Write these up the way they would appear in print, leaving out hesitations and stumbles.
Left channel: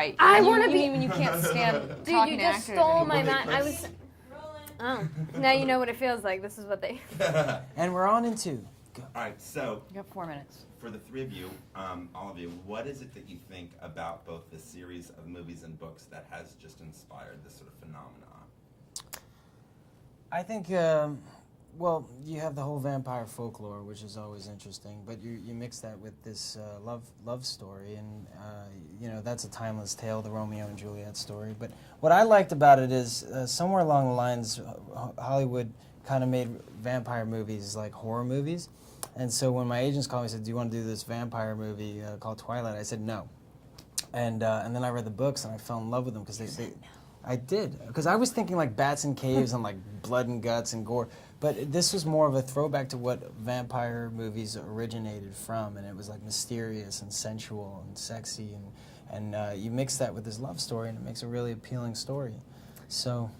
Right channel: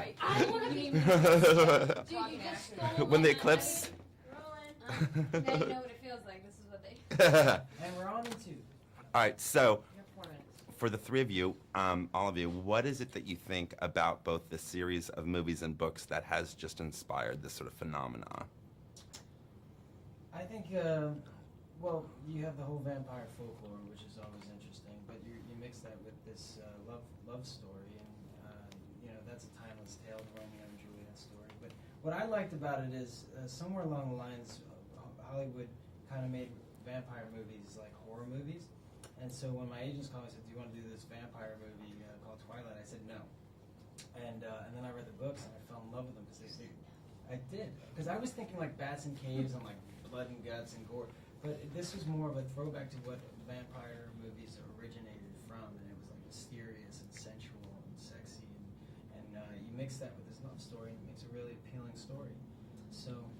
right. I want to You be. mean when you can't stand Dude, talking you just actors stole anymore. my When the mind. I Eclipse. was. Oh, now you know what it feels like. This is what they. And we're on in 2. Go. All right, so You got 4 minutes. for the three of you, all of you, what is it that you think about both the series of movies and books that has just inspired this sort of phenomenon? I think, well, you have the whole vampire folklore, which is always interesting, but you mix that with this love story, and you know, that's a timeless tale, the Romeo and Juliet story. But what I liked about it is somewhere along the lines, Hollywood kind of made vampire movies like horror movies, and so when my agents called me and said, "Do you want to do this vampire movie called Twilight?" I said no, and then I read the books and I fell in love with them because I did, because I was thinking like bats in caves and like blood and guts and gore, but this was more of a throwback to what vampire movies originated from, and it was like mysterious and sensual and sexy, and you mix that with this love story and it makes a really appealing story. So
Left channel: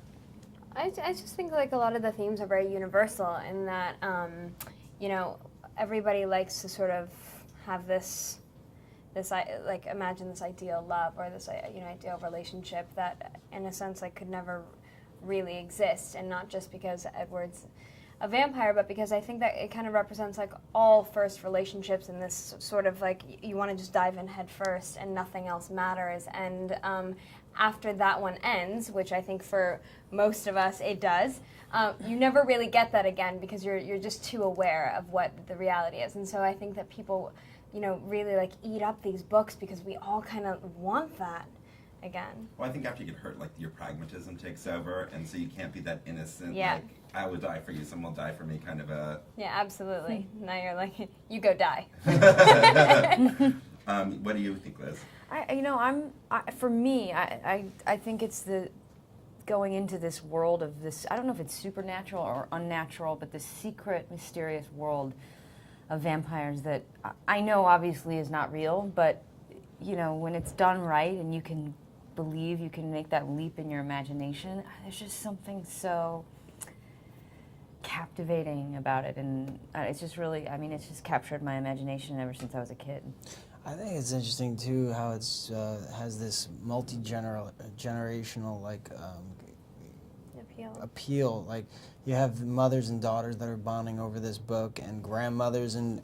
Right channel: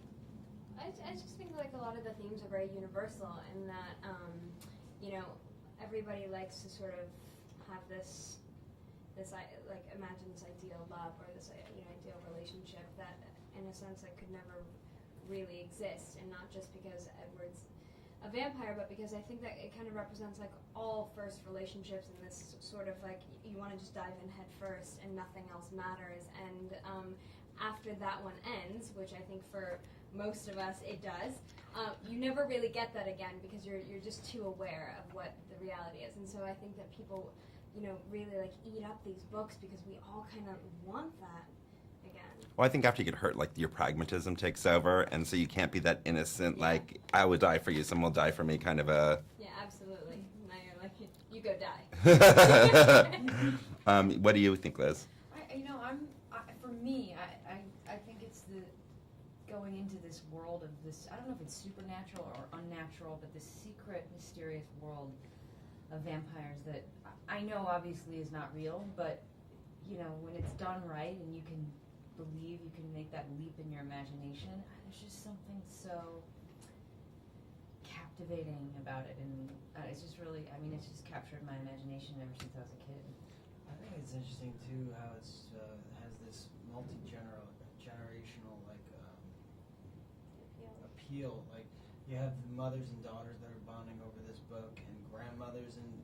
I just think like a lot of the themes are very universal in that, you know, everybody likes to sort of have this like imagine this ideal love or this ideal relationship that in a sense like could never really exist, and not just because Edward's a vampire, but because I think that it kind of represents like all first relationships in this sort of like you want to just dive in head first and nothing else matters, and after that one ends, which I think for most of us it does, you never really get that again because you're just too aware of what the reality is. And so I think that people, you know, really like eat up these books because we all kind of want that again. Well, I think after you get hurt, like your pragmatism takes over, and so you can't be that innocent, Yeah. like I would die for you, someone will die for me kind of a... Yeah, absolutely. Now you're like, you go die. What do you think, Liz? For me, I think it's the going into this world of this, I don't know if it's supernatural or unnatural, but this secret, mysterious world of vampires that I know obviously is not real, but you know, when it's done right and you can believe, you can make that leap in your imagination, there's just something so captivating about it, and it's just really, I mean, it's just captured my imagination ever since I was a kid. I think it's interesting too how it's has this multi-generational like appeal. Like you have mothers and daughters that are bonding over this book, and grandmothers and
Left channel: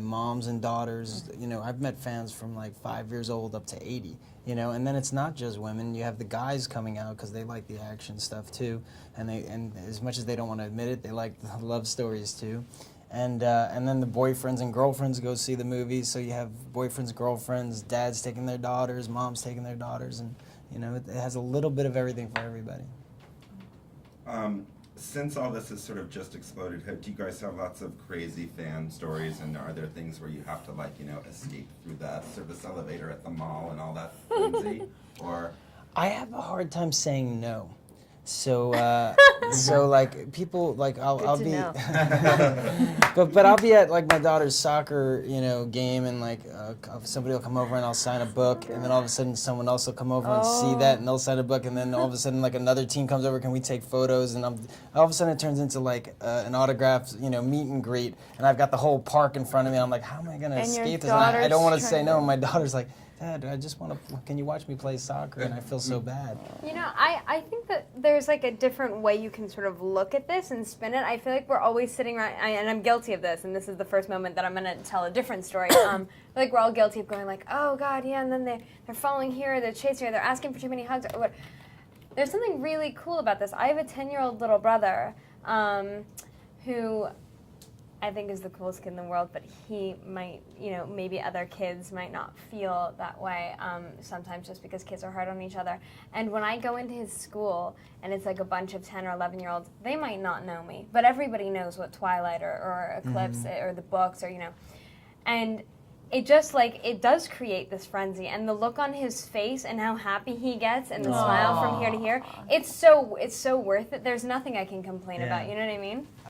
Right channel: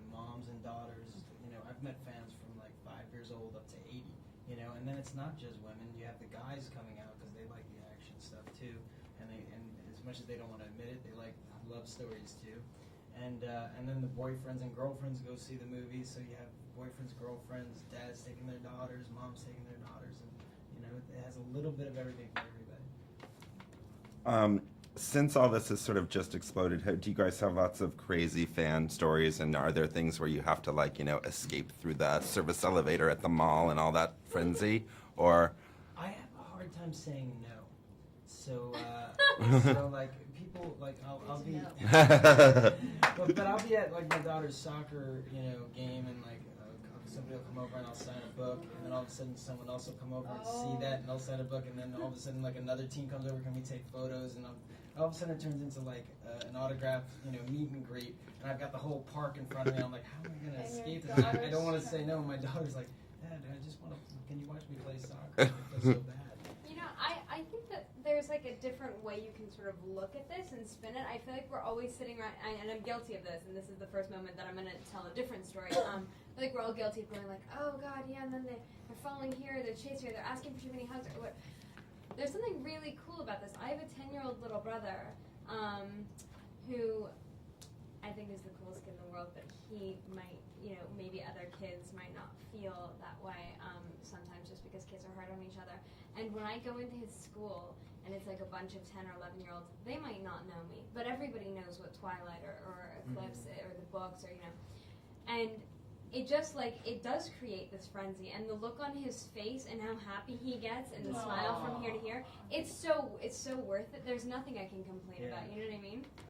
moms and daughters. You know, I've met fans from like 5 years old up to 80. You know, and then it's not just women. You have the guys coming out because they like the action stuff too, and as much as they don't want to admit it, they like the love stories too. And then the boyfriends and girlfriends go see the movies. So you have boyfriends, girlfriends, dads taking their daughters, moms taking their daughters, and you know it has a little bit of everything for everybody. Since all this has sort of just exploded, do you guys have lots of crazy fan stories, and are there things where you have to like, you know, escape through the service elevator at the mall and all that frenzy? Or I have a hard time saying no. So, so like people like I'll be, but I'll be at like my daughter's soccer, you know, game, and like somebody will come over and I'll sign a book, and then all of a sudden someone else will come over and see that, and they'll sign a book, and then all of a sudden like another team comes over, can we take photos? And all of a sudden it turns into like an autograph, you know, meet and greet, and I've got the whole park in front of me. And I'm like, how am I gonna escape this? Like, I don't want to say no. And my daughter's like, Dad, I just want to, can you watch me play soccer? And I feel so bad. You know, I think that there's like a different way you can sort of look at this and spin it. I feel like we're always sitting around, and I'm guilty of this, and this is the first moment that I'm going to tell a different story. I feel like we're all guilty of going like, oh God, yeah, and then they're following here, they're chasing her, they're asking for too many hugs, or what. There's something really cool about this. I have a 10-year-old little brother who I think is the coolest kid in the world, but he might, you know, maybe other kids might not feel that way sometimes just because kids are hard on each other. And when I go into his school and it's like a bunch of 10 or 11-year-olds, they might not know me, but everybody knows what Twilight or Eclipse or the books or, you know. And it just like, it does create this frenzy, and the look on his face and how happy he gets and the smile from here to here, it's so worth it. There's nothing I can complain about, you know what I mean?